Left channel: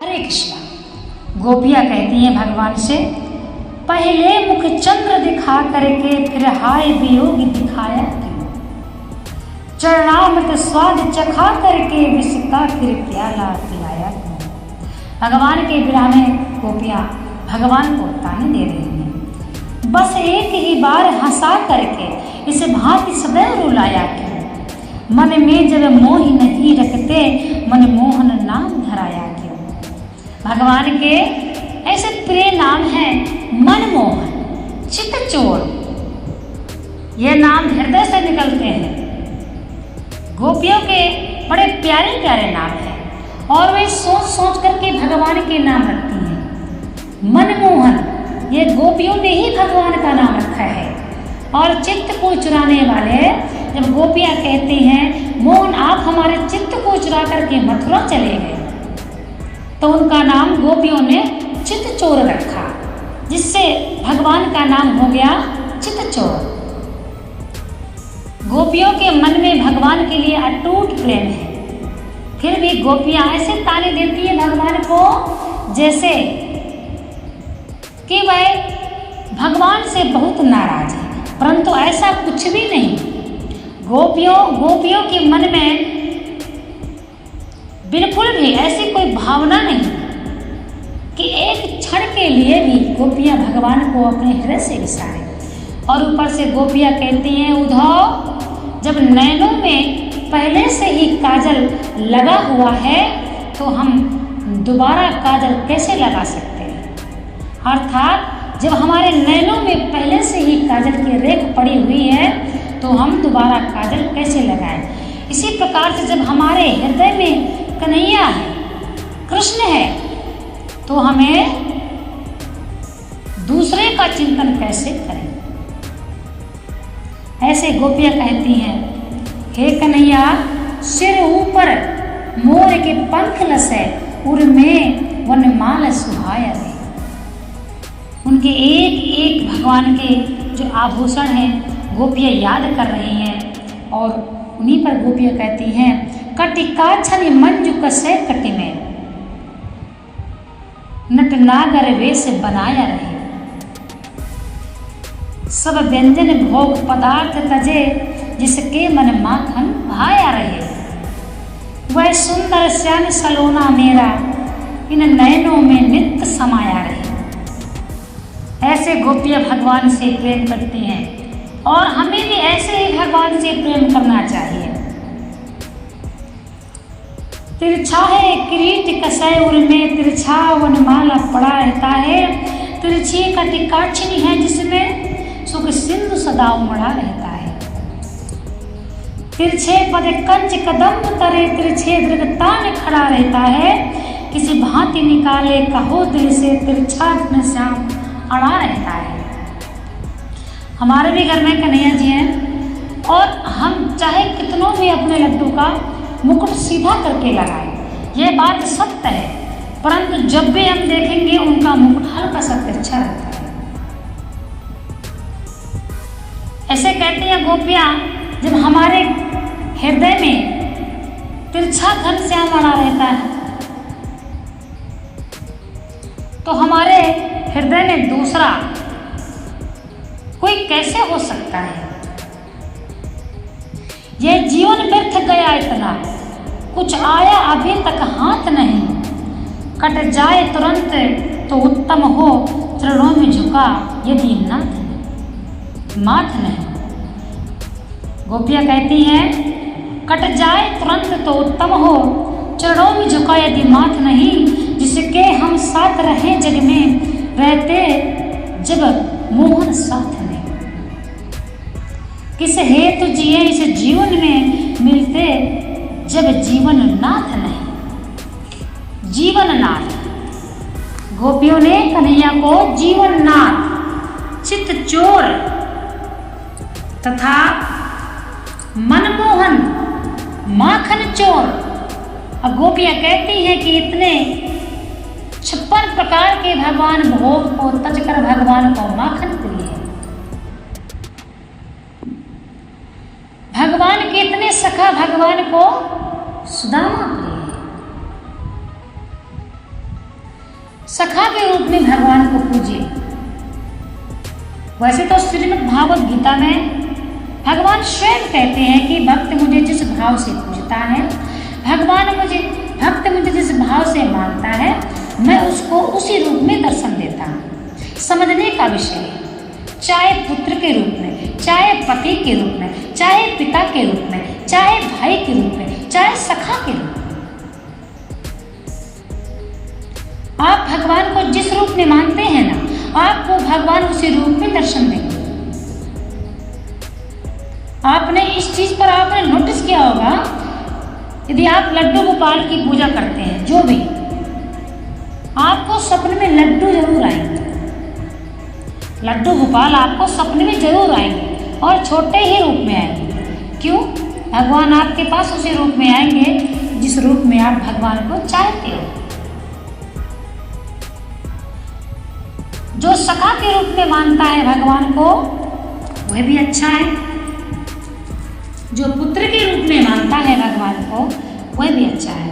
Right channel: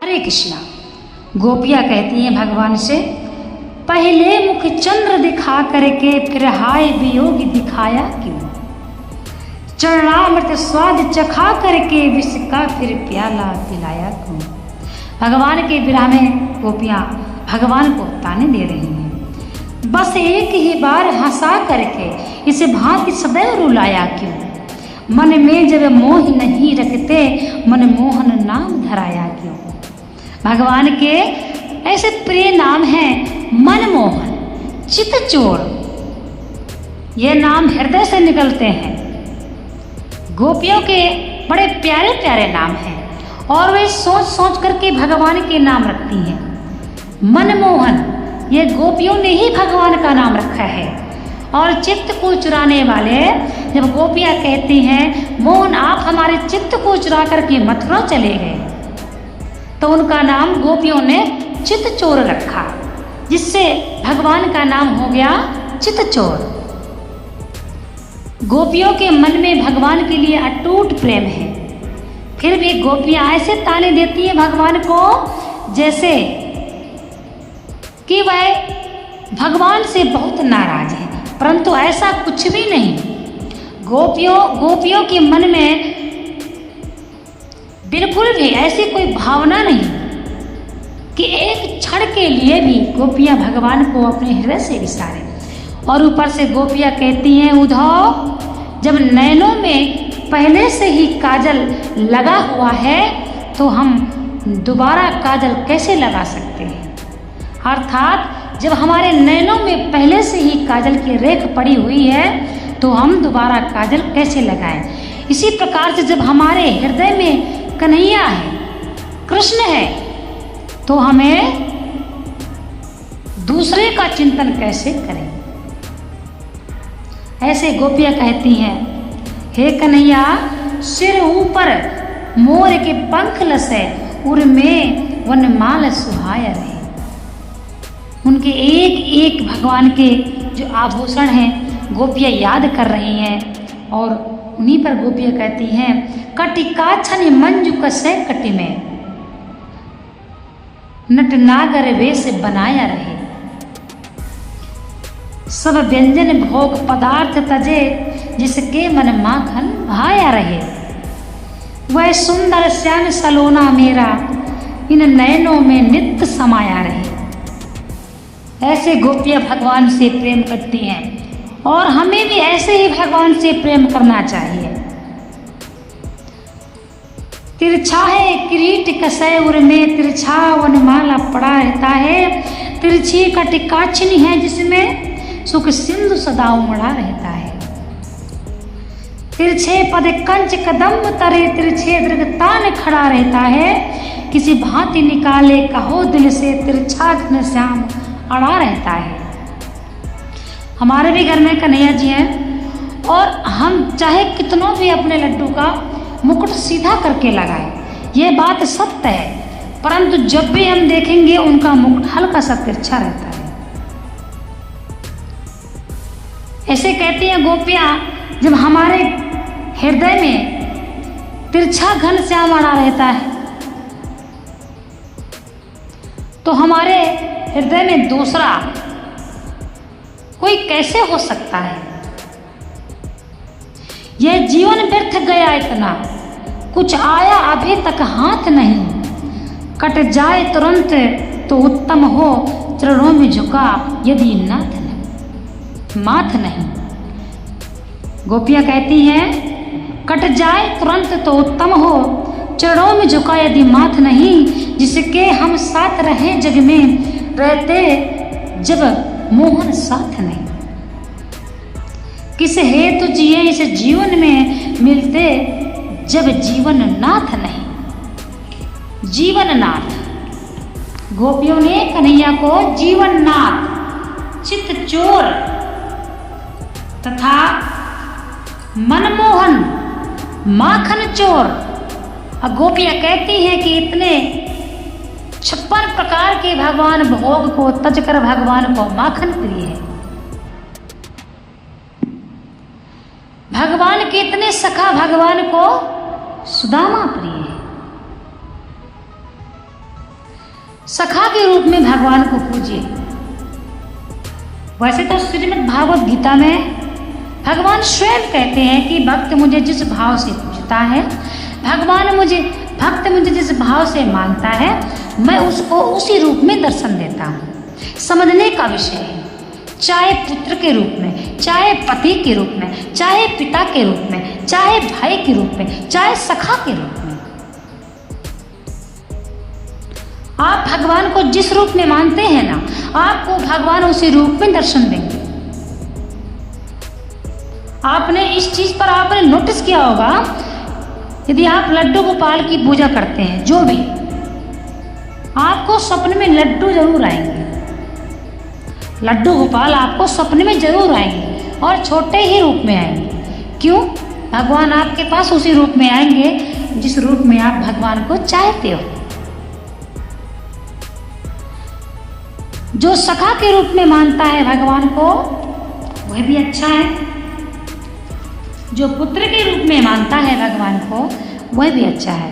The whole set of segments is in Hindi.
हरे कृष्णा। गोपियाँ कहती हैं भगवान से, पहले मुख चंद्र दिखा करके फिर हाय वियोग दिखाया क्यों। चरणामृत स्वाद चखा करके विष का फिर प्याला पिलाया क्यों। भगवान के विरह में गोपियाँ भगवान को ताने दे रही हैं। बस एक ही बार हंसा करके इसे भांति सदैव रुलाया क्यों। मन में जब मोह नहीं रखते मन मोहन नाम धराया क्यों। भगवान के ऐसे प्रिय नाम हैं मनमोहन, चितचोर। ये नाम हृदय से निकलते हैं। गोपियों के बड़े प्यारे प्यारे नाम हैं और वे सोच सोच करके भगवान के नाम रखती हैं। मनमोहन ये गोपियों ने ही भगवान का नाम रखा है। और चित्त को चुराने वाले, जब गोपियाँ कहती हैं मोहन आप हमारे चित्त को चुरा करके मथुरा चले गए, तो उनका नाम गोपियों ने चितचोर रखा, जिससे भगवान का नाम हो गया चितचोर। गोपियों के मन में भगवान के लिए अटूट प्रेम है। फिर भी गोपियां ऐसे ताने देती है भगवान को जैसे कि वह भगवान से बहुत नाराज है, परंतु ऐसा कुछ भी नहीं। गोपियों के मन में बिल्कुल भी ऐसी कोई भावना नहीं कि एक क्षण के लिए भी गोपियां भगवान को अपने हृदय से विसारे। और ऊपर से गोपियां कहती हैं उद्धव, जब नैनों में पहले से ही काजल लगा हुआ है तो हम दोबारा काजल कैसे लगा सकते हैं। अर्थात जब हमारे नैनों में पहले से ही काजल की रेख पड़ी हुई है तो हम दोबारा काजल कैसे लगाएं। इसी प्रकार से जब हमारे हृदय में कन्हैया है, कृष्ण है, तो हमें दूसरे का चिंतन कैसे करें। ऐसे गोपियाँ कहती हैं, हे कन्हैया सिर ऊपर मोर के पंख लसे उर में वनमाल सुहाया रहे। उनके एक एक भगवान के जो आभूषण हैं गोपियाँ याद कर रही हैं। और उन्हीं पर गोपियाँ कहती हैं, कटिकाछनि मंजु कसे कटि में नटनागर वेश बनाया रहे। सब व्यंजन भोग पदार्थ तजे जिसके मन माखन भाया रहे। वह सुंदर श्याम सलोना मेरा इन नयनों में नित्य समाया रहे। ऐसे गोपियाँ भगवान से प्रेम करती हैं और हमें भी ऐसे ही भगवान से प्रेम करना चाहिए। तिरछा है किरीट कसै उर में तिरछा वनमाला पड़ा रहता है। तिरछी कटिकाछनी है जिसमें सुख सिंधु सदा उमड़ा रहता है। तिरछे पद कंच कदम तरे तिरछे दृगतान खड़ा रहता है। किसी भांति निकाले कहो दिल से तिरछा घनश्याम अड़ा रहता है। हमारे भी घर में कन्हैया जी हैं और हम चाहे कितनों भी अपने लड्डू का मुकुट सीधा करके लगाएं, ये बात सत्य है, परंतु जब भी हम देखेंगे उनका मुकुट हल्का सा तिरछा रहता है। ऐसे कहती हैं गोपियाँ, जब हमारे हृदय में तिरछा घनश्याम अड़ा रहता है तो हमारे हृदय में दूसरा कोई कैसे हो सकता है। यह जीवन व्यर्थ गया इतना, कुछ आया अभी तक हाथ नहीं। कट जाए तुरंत तो उत्तम हो चरणों में झुका यदि माथ नहीं। गोपियाँ कहती हैं, कट जाए तुरंत तो उत्तम हो चरणों में झुका यदि माथ नहीं। जिसके हम साथ रहे जग में रहते जब मोहन साथ नहीं। किस हेतु जिए इस जीवन में मिलते जब जीवन नाथ नहीं। जीवन नाथ, गोपियों ने कन्हैया को जीवन नाथ, चितचोर तथा मनमोहन, माखन चोर। और गोपियाँ कहती हैं कि इतने 56 प्रकार के भगवान भोग को तजकर भगवान को माखन प्रिय है। भगवान के इतने सखा भगवान को सुदामा प्रिय है। सखा के रूप में भगवान को पूजिए। वैसे तो श्रीमद् भागवत गीता में भगवान स्वयं कहते हैं कि भक्त मुझे जिस भाव से पूजता है, भक्त मुझे जिस भाव से मानता है, मैं उसको उसी रूप में दर्शन देता हूँ। समझने का विषय है, चाहे पुत्र के रूप में, चाहे पति के रूप में, चाहे पिता के रूप में, चाहे भाई के रूप में, चाहे सखा के रूप में। आप भगवान को जिस रूप में मानते हैं ना, आपको भगवान उसी रूप में दर्शन देंगे। आपने इस चीज पर आपने नोटिस किया होगा, यदि आप लड्डू गोपाल की पूजा करते हैं, जो भी, आपको सपने में लड्डू जरूर आएंगे। लड्डू गोपाल आपको सपने में जरूर आएंगे और छोटे ही रूप में आएंगे। क्यों? भगवान आपके पास उसी रूप में आएंगे जिस रूप में आप भगवान को चाहते हो। जो सखा के रूप में मानता है भगवान को, वह भी अच्छा है। जो पुत्र के रूप में मानता है भगवान को, वह भी अच्छा है,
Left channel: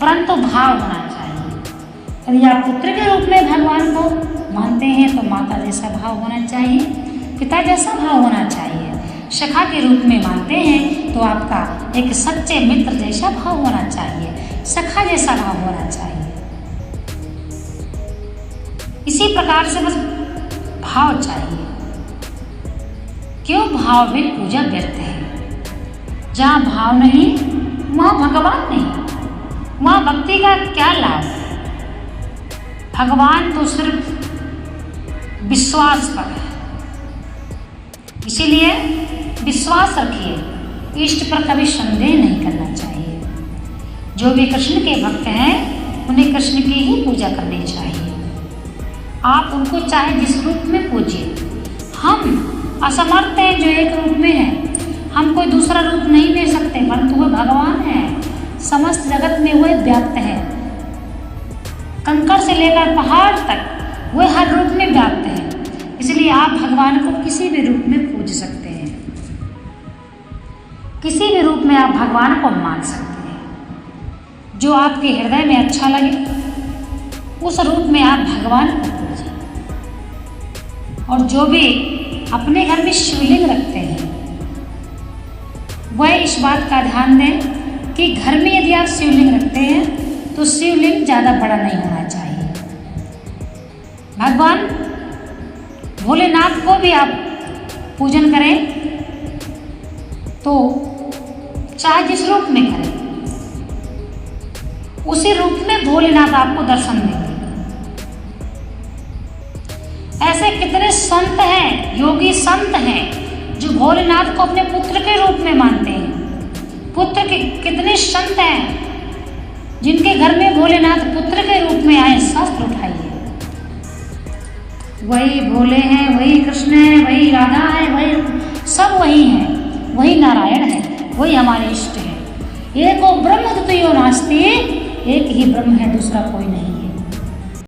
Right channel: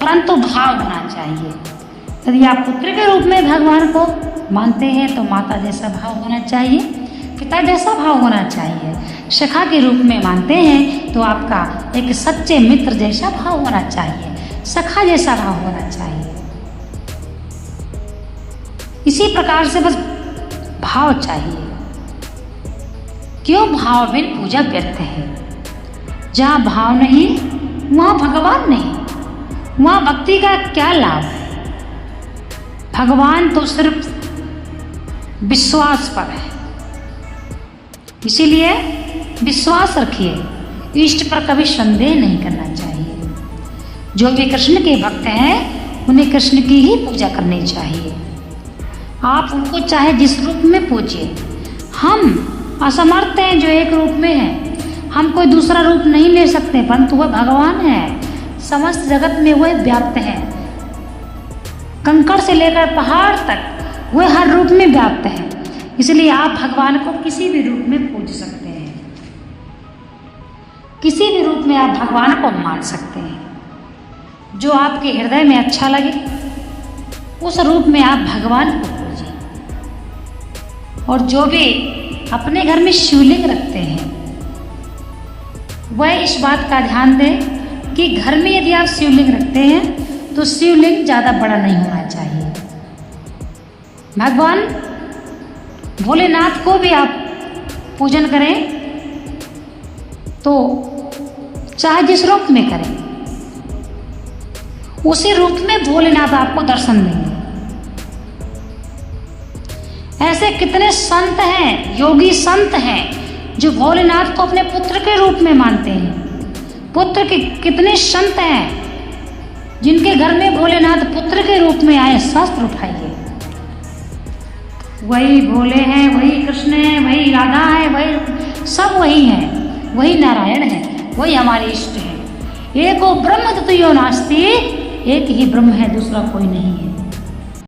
परंतु भाव होना चाहिए। यदि आप पुत्र के रूप में भगवान को मानते हैं तो माता जैसा भाव होना चाहिए, पिता जैसा भाव होना चाहिए। सखा के रूप में मानते हैं तो आपका एक सच्चे मित्र जैसा भाव होना चाहिए, सखा जैसा भाव होना चाहिए। इसी प्रकार से बस भाव चाहिए। क्यों? भाव बिन पूजा व्यर्थ है। जहाँ भाव नहीं, वहाँ भगवान नहीं, वहाँ भक्ति का क्या लाभ? भगवान तो सिर्फ विश्वास पर है, इसीलिए विश्वास रखिए, इष्ट पर कभी संदेह नहीं करना चाहिए। जो भी कृष्ण के भक्त हैं, उन्हें कृष्ण की ही पूजा करनी चाहिए। आप उनको चाहे जिस रूप में पूजिए। हम असमर्थ हैं जो एक रूप में है, हम कोई दूसरा रूप नहीं ले सकते, परंतु वह भगवान है, समस्त जगत में वह व्याप्त है। कंकड़ से लेकर पहाड़ तक वह हर रूप में व्याप्त है, इसलिए आप भगवान को किसी भी रूप में पूज सकते हैं, किसी भी रूप में आप भगवान को मान सकते हैं। जो आपके हृदय में अच्छा लगे, उस रूप में आप भगवान को पूजिए। और जो भी अपने घर में शिवलिंग रखते हैं, वह इस बात का ध्यान दें कि घर में यदि आप शिवलिंग रखते हैं तो शिवलिंग ज़्यादा बड़ा नहीं होना चाहिए। भगवान भोलेनाथ को भी आप पूजन करें तो चाहे जिस रूप में करें, उसी रूप में भोलेनाथ आपको दर्शन देंगे। ऐसे कितने संत हैं, योगी संत हैं, जो भोलेनाथ को अपने पुत्र के रूप में मानते हैं। पुत्र के कितने संत हैं जिनके घर में भोलेनाथ पुत्र के रूप में आए। शास्त्र उठाइए, वही भोले हैं, वही कृष्ण है, वही राधा है, वही सब वही हैं, वही नारायण है, वही हमारे इष्ट हैं। एको ब्रह्म द्वितीयो नास्ति, एक ही ब्रह्म है, दूसरा कोई नहीं है।